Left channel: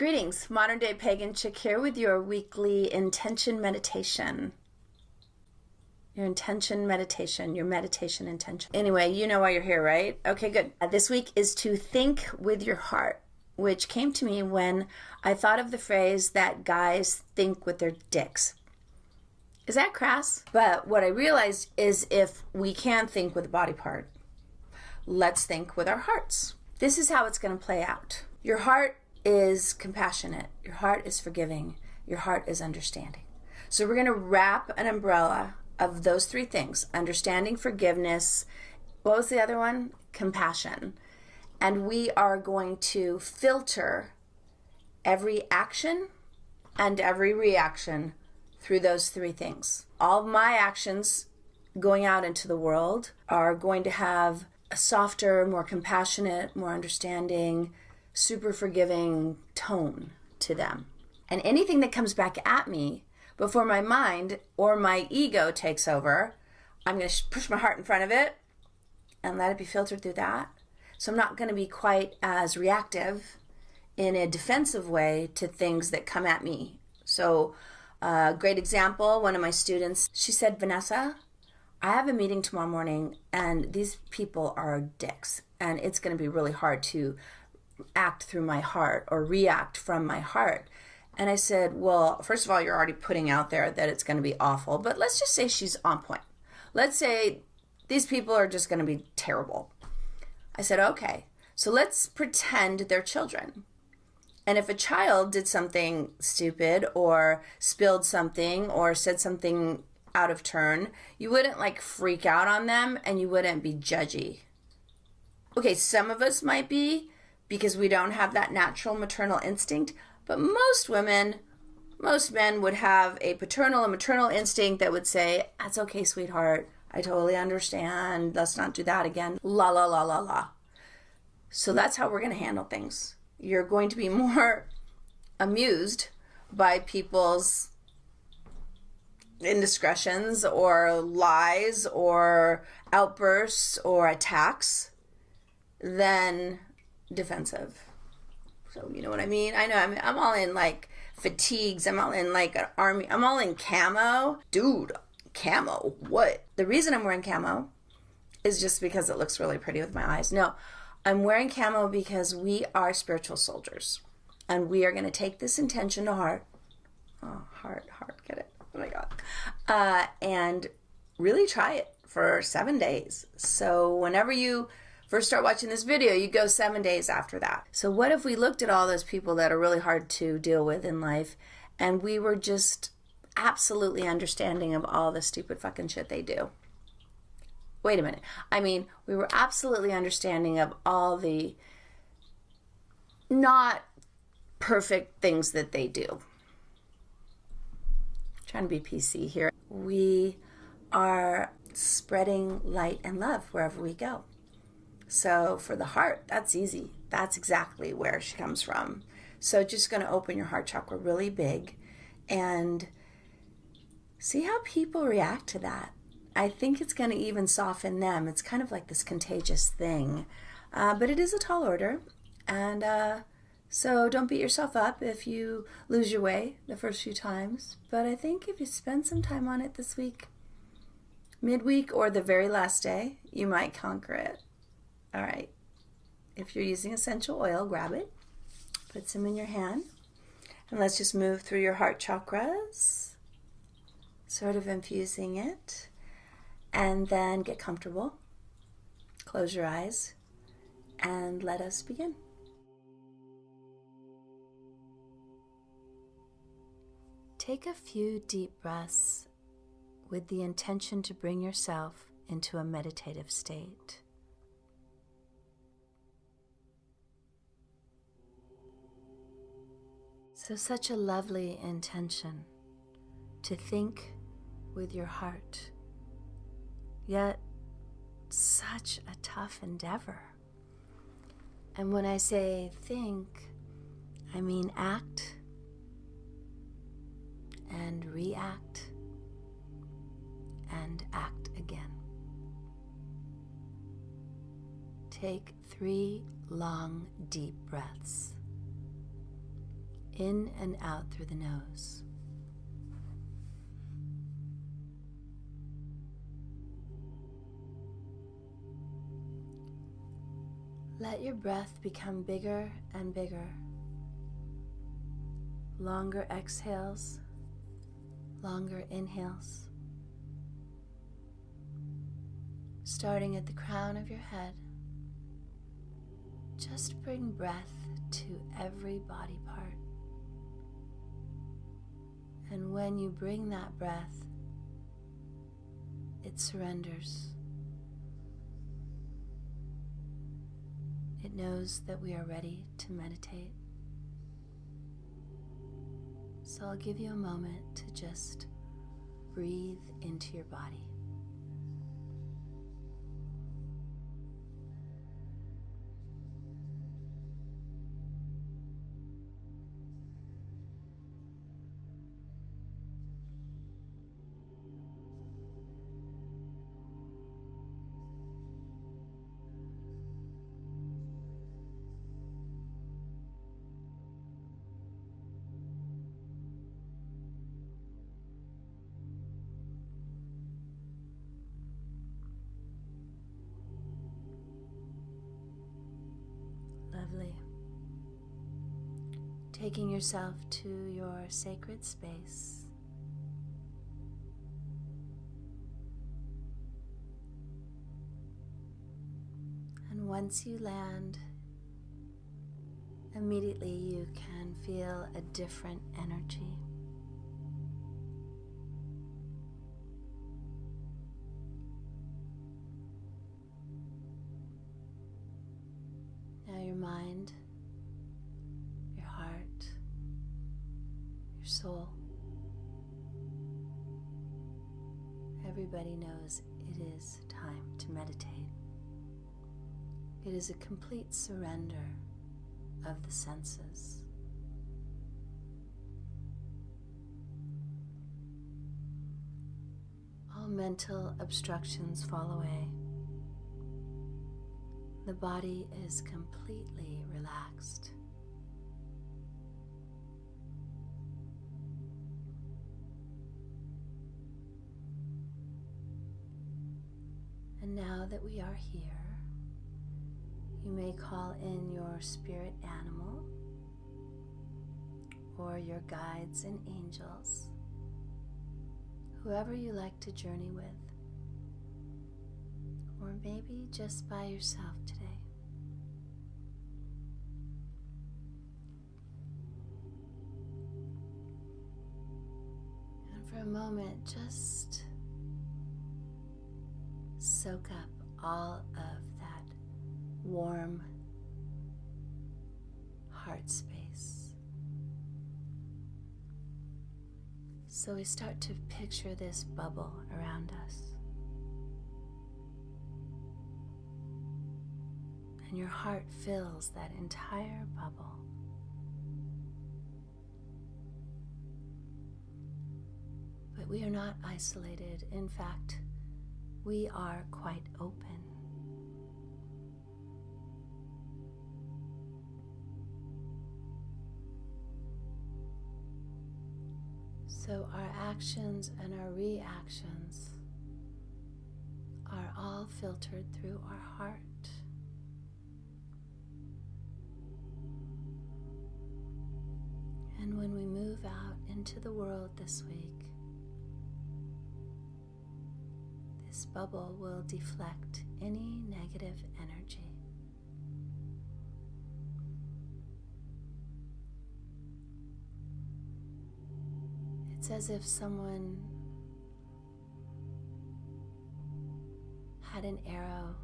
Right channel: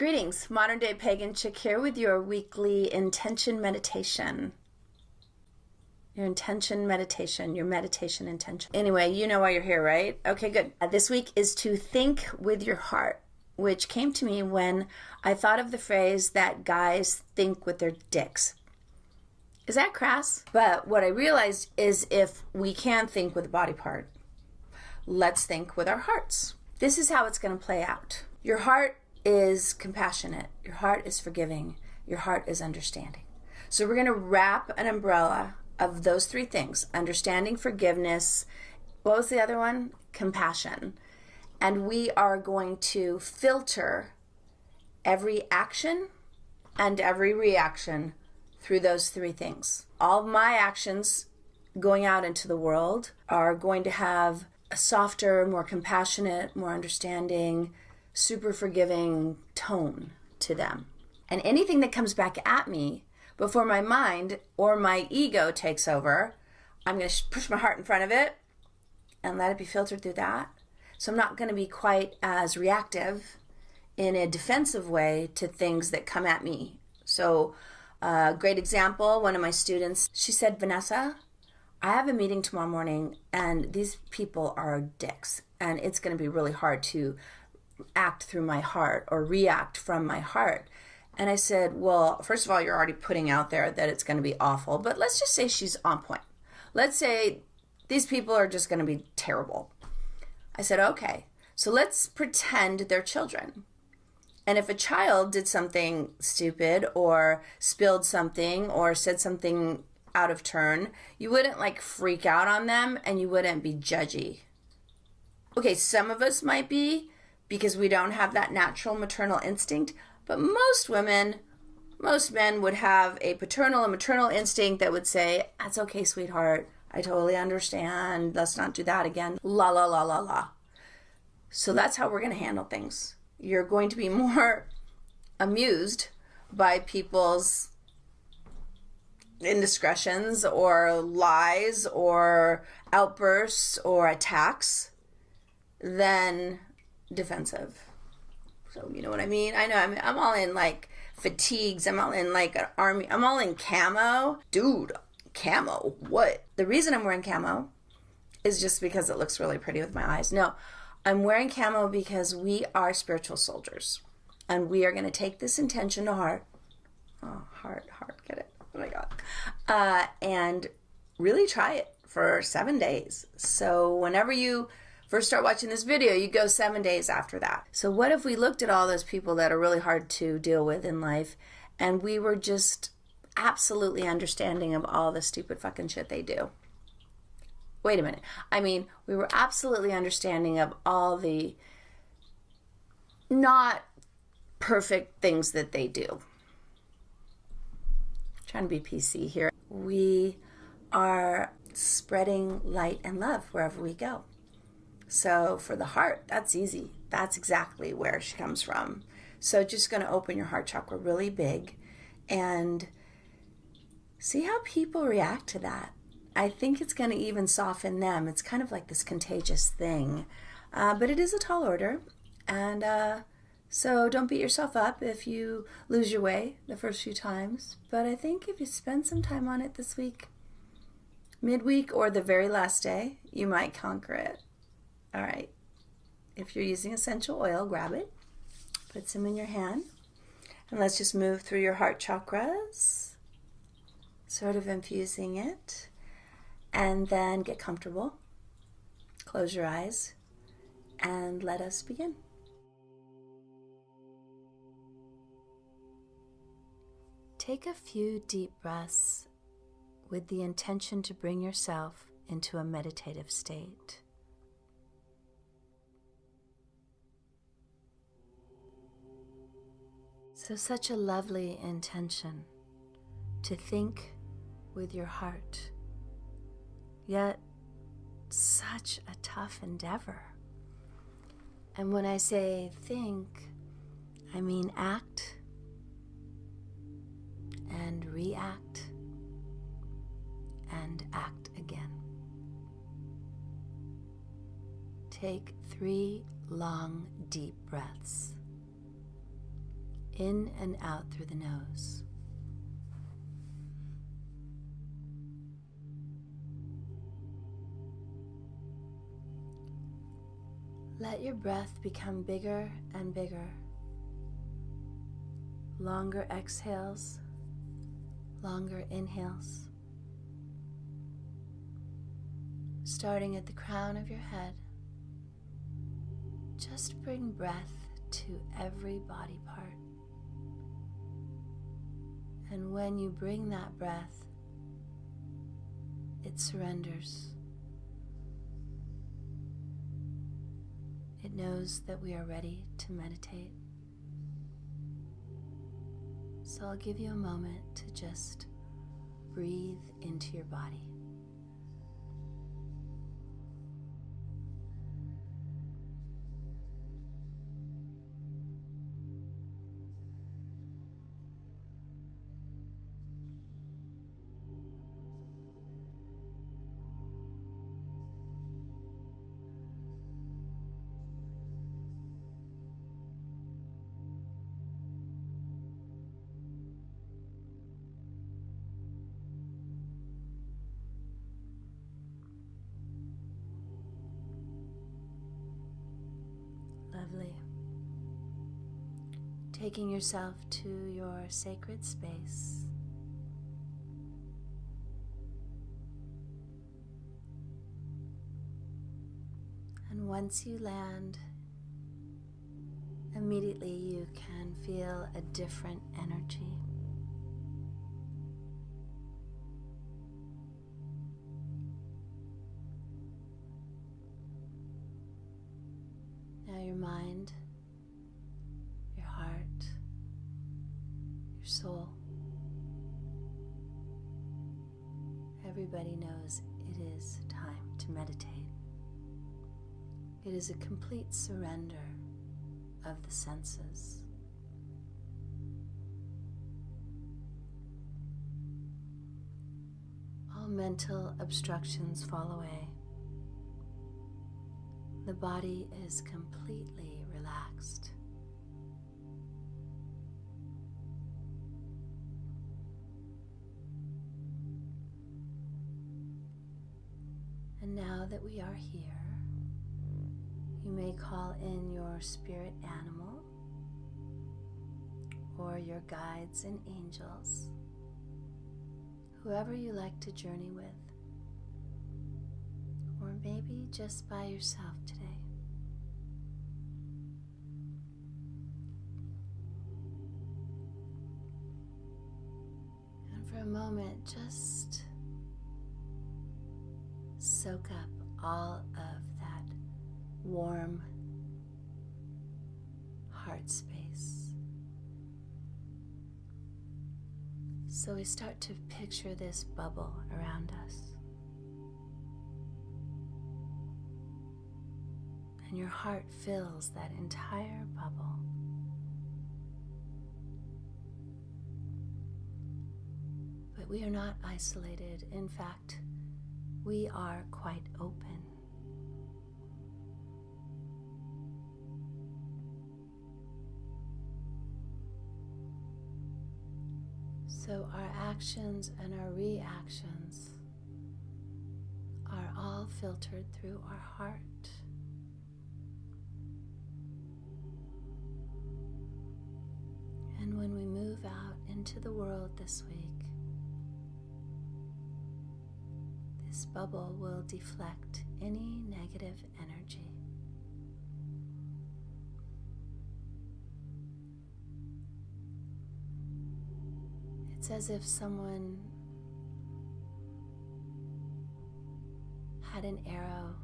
Greetings, modern day pagan chick here with your weekly intention meditation. Your intention meditation, your meditation intention. Anyway, you know why you're here, right? Okay, good. This week is to think with your heart, which came to me when I thought of the phrase that guys think with their dicks. Is that crass? But what I realized is if we can't think with a body part, let's think with our hearts. This is how it's going to play out. Your heart is compassionate. Your heart is forgiving. Your heart is understanding. So we're going to wrap an umbrella of those three things: understanding, forgiveness. What was the other one? Compassion. And we are going to filter every action and every reaction through those three things. All of my actions going out into the world are going to have a softer, more compassionate, more understanding, super forgiving tone to them. And anything that comes back at me before my mind or my ego takes over, I'm going to push my heart in front of it and let it be filtered through that. So I'm not going to be quite as reactive in a defensive way to things that come at me. So great example, one of my students, she said, Vanessa, I have a meeting tomorrow morning and these people are dicks and it's going to be really hard to act through my heart or react from my heart. And I said, well, first of all, you're already putting out there that it's going to be awful, but let's just say she's on point. Let's say these people are just going to be terrible. I said, okay, so let's pretend they're children. And if a child did something stupid or spilled something or said something out of turn, you wouldn't like freak out on them and you wouldn't be judgy. Okay, some of us might be, because we don't have that natural maternal instinct. But most women, most men would have a paternal and maternal instinct that would say, that's okay, sweetheart. I totally understand. Let's not do that again. La, la, la, la, la. So that's how we're going to handle things. You're going to be more amused by people's indiscretions or lies or outbursts or attacks than defensive. So you know what I mean? I know I'm all in like fatigues. I'm all in like an army. I'm all in camo. Dude, camo. What? The reason I'm wearing camo is just because it looks really pretty with my eyes. No, I'm wearing camo because we are spiritual soldiers. And we are going to take this intention to heart. Oh, heart, get it? Oh my God. And really try it for 7 days. So whenever you first start watching this video, you go 7 days after that. So what if we looked at all those people that are really hard to deal with in life and we were just absolutely understanding of all the stupid fucking shit they do? Wait a minute. I mean, we were absolutely understanding of all the not perfect things that they do. I'm trying to be PC here. We are spreading light and love wherever we go. So for the heart, that's easy. That's exactly where she comes from. So just going to open your heart chakra really big and see how people react to that. I think it's going to even soften them. It's kind of like this contagious thing. But it is a tall order. And so don't beat yourself up if you lose your way the first few times. But I think if you spend some time on it this week, midweek or the very last day, you might conquer it. All right, if you're using essential oil, grab it, put some in your hand, and let's just move through your heart chakras, sort of infusing it, and then get comfortable, close your eyes, and let us begin. Take a few deep breaths with the intention to bring yourself into a meditative state. So such a lovely intention to think with your heart, yet such a tough endeavor. And when I say think, I mean act and react and act again. Take 3 long, deep breaths. in and out through the nose. Let your breath become bigger and bigger. Longer exhales, longer inhales. Starting at the crown of your head, just bring breath to every body part. And when you bring that breath, it surrenders. It knows that we are ready to meditate. So I'll give you a moment to just breathe into your body. Lovely. Taking yourself to your sacred space. And once you land, immediately you can feel a different energy. Now your mind, your heart, your soul, everybody knows it is time to meditate. It is a complete surrender of the senses. All mental obstructions fall away. The body is completely relaxed. And now that we are here, you may call in your spirit animal or your guides and angels, whoever you like to journey with, or maybe just by yourself today. And for a moment, just soak up all of that warm heart space. So we start to picture this bubble around us. And your heart fills that entire bubble. But we are not isolated. In fact, we are quite open. So our actions and our reactions are all filtered through our heart. And when we move out into the world this week, this bubble will deflect any negative energy. It's as if someone had an arrow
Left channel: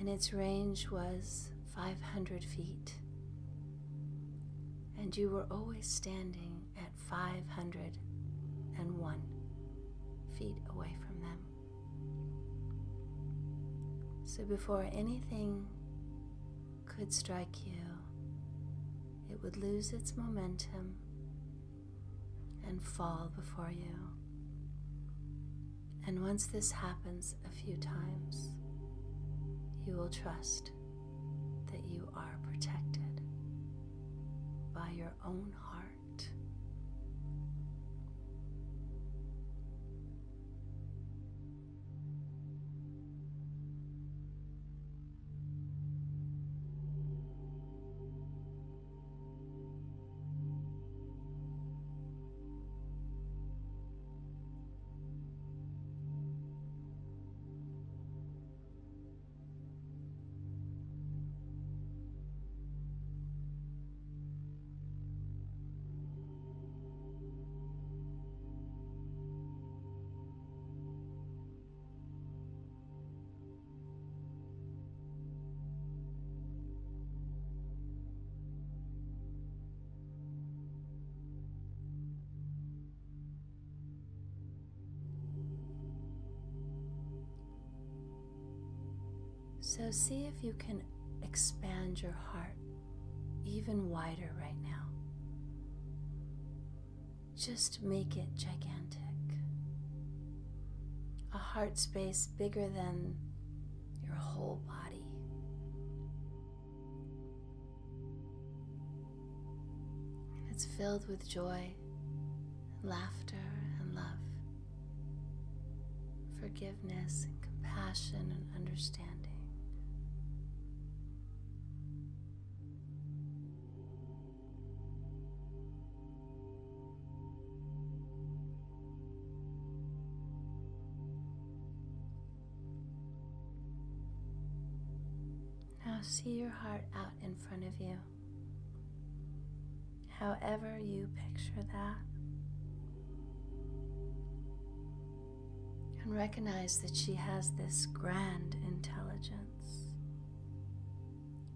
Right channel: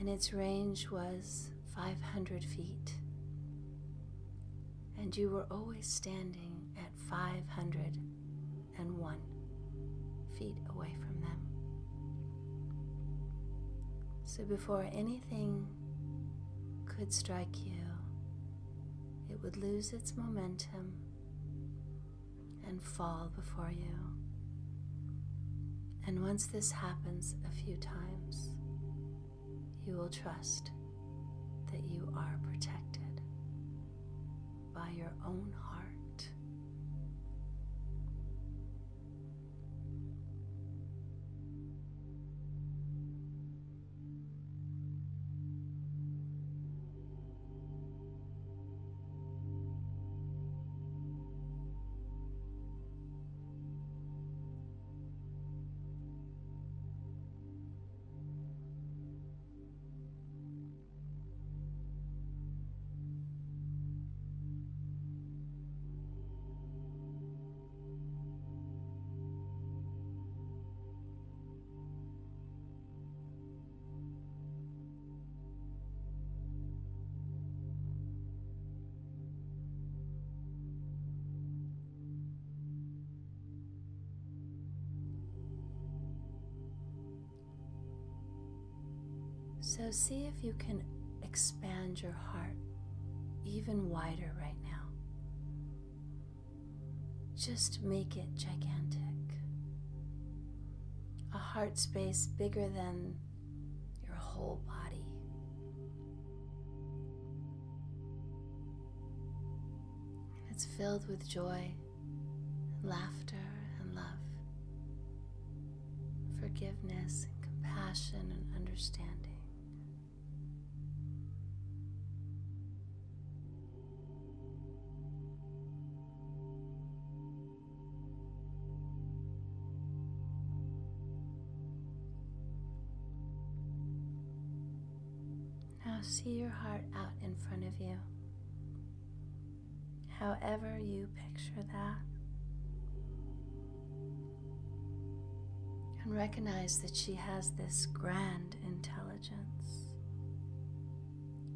and its range was 500 feet, and you were always standing at 501 feet away from them. So before anything could strike you, it would lose its momentum and fall before you. And once this happens a few times, you will trust that you are protected. your own heart. So see if you can expand your heart even wider right now. Just make it gigantic. A heart space bigger than your whole body. And it's filled with joy, and laughter, and love, forgiveness, and compassion, and understanding. Now see your heart out in front of you. However you picture that. And recognize that she has this grand intelligence.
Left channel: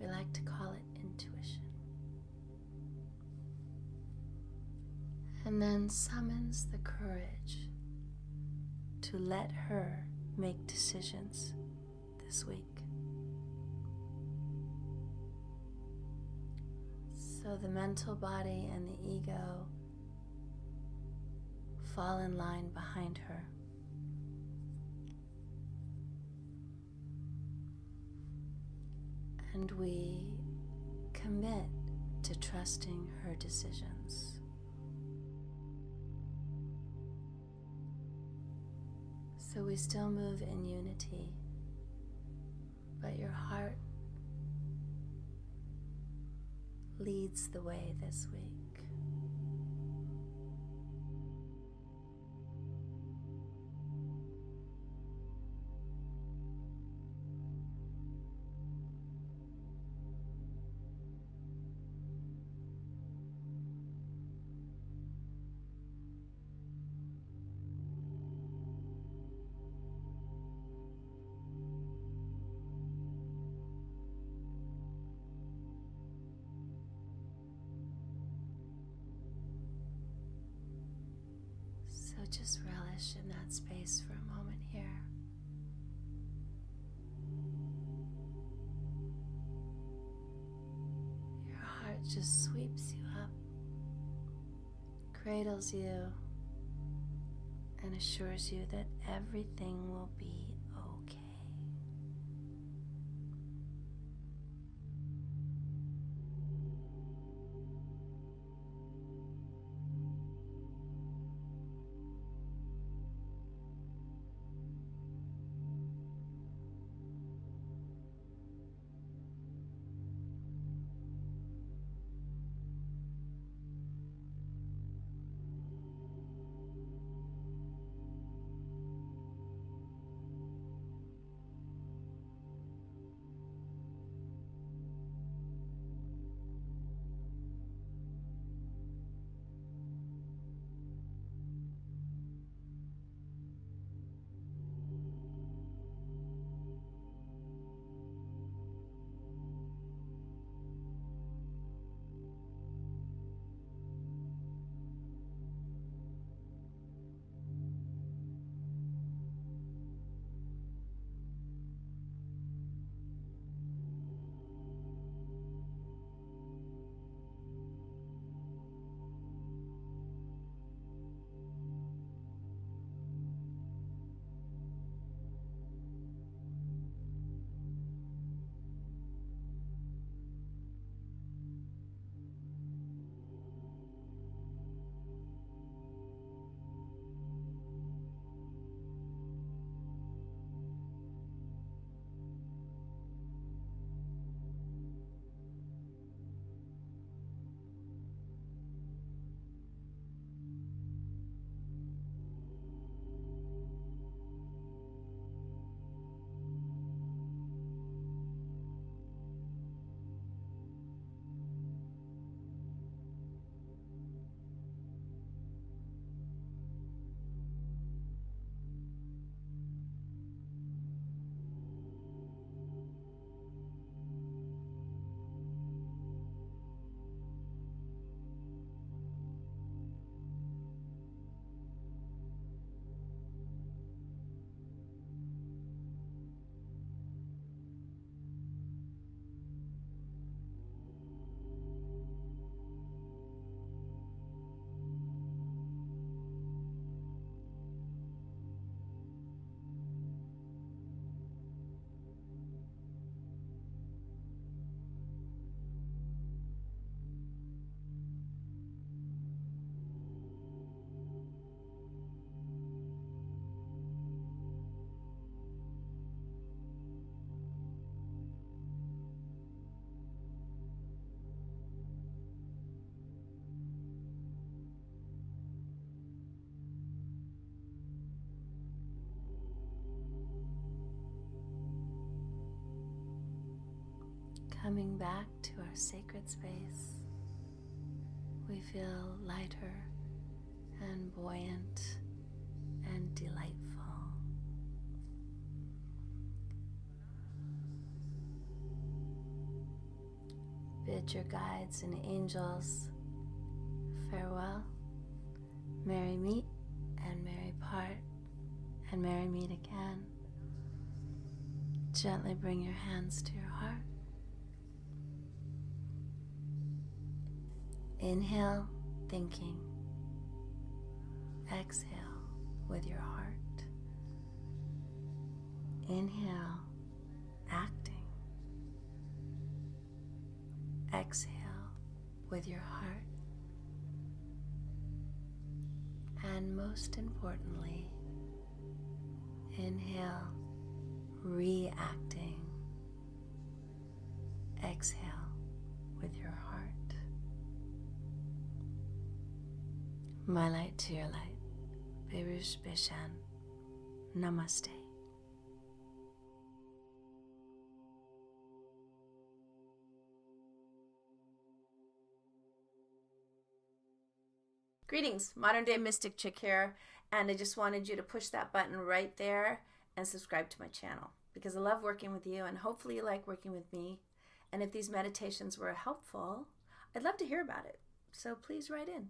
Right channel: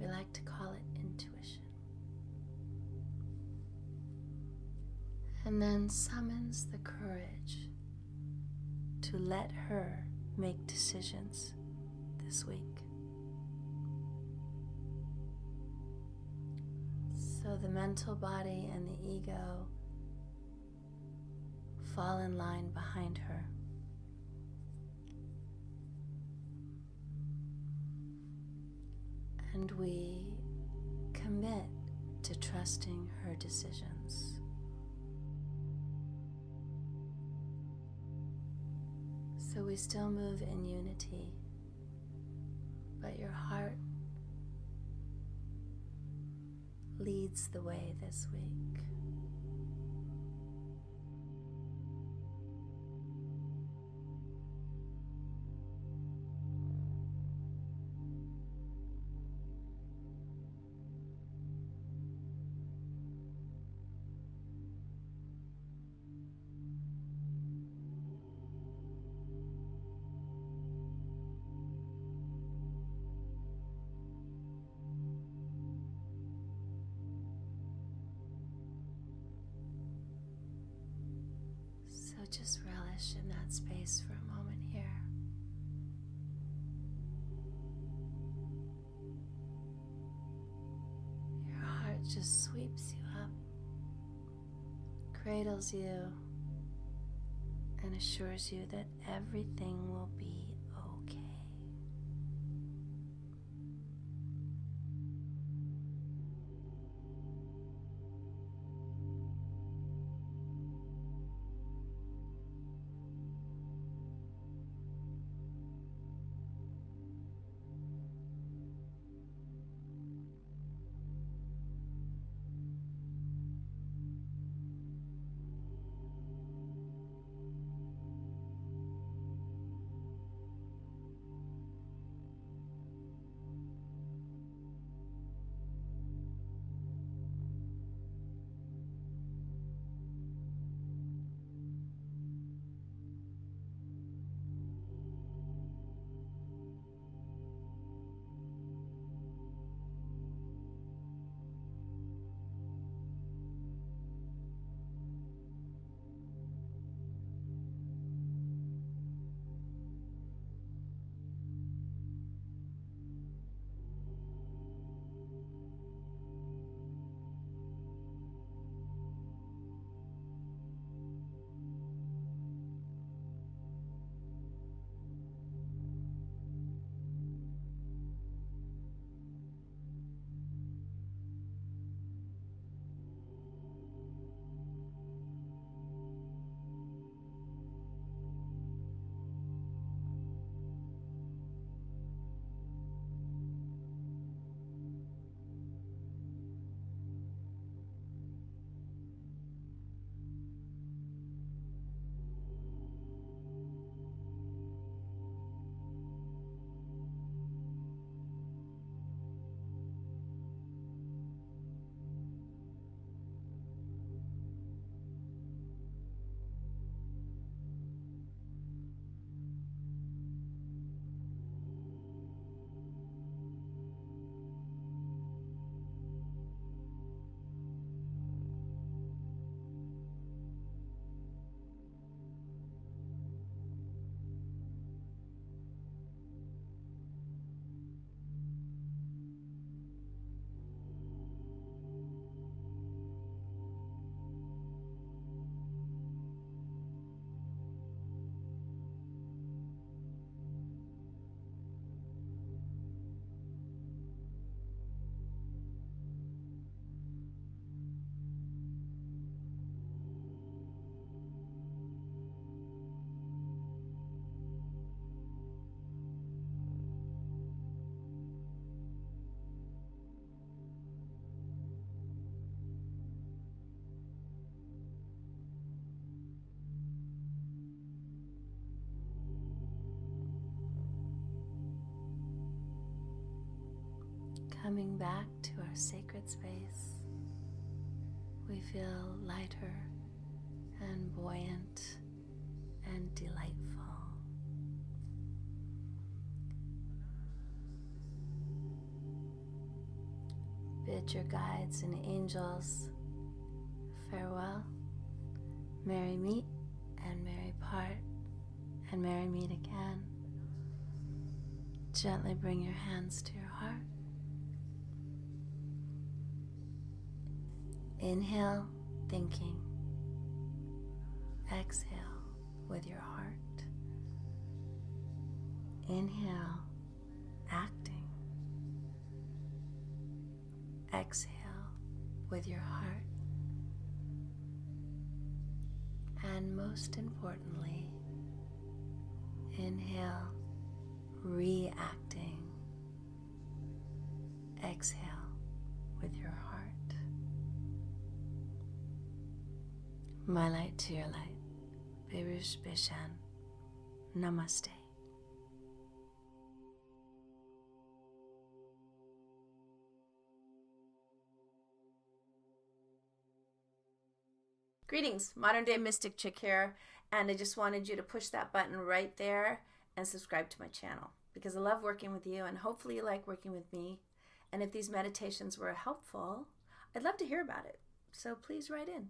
We like to call it intuition. And then summons the courage to let her make decisions this week. So the mental body and the ego fall in line behind her. And we commit to trusting her decisions. So we still move in unity, but your heart leads the way this week. So just relish in that space for a moment here. Your heart just sweeps you up, cradles you, and assures you that everything will be okay. Coming back to our sacred space, we feel lighter and buoyant and delightful. Bid your guides and angels farewell. Merry meet and merry part, and merry meet again. Gently bring your hands to your heart. Inhale, thinking. Exhale with your heart. Inhale, acting. Exhale with your heart. And most importantly, inhale, reacting. Exhale with your heart. My light to your light. Berush Bishan. Namaste. Greetings, Modern Day Mystic Chick here, and I just wanted you to push that button right there and subscribe to my channel because I love working with you and hopefully you like working with me. And if these meditations were helpful, I'd love to hear about it. So please write in.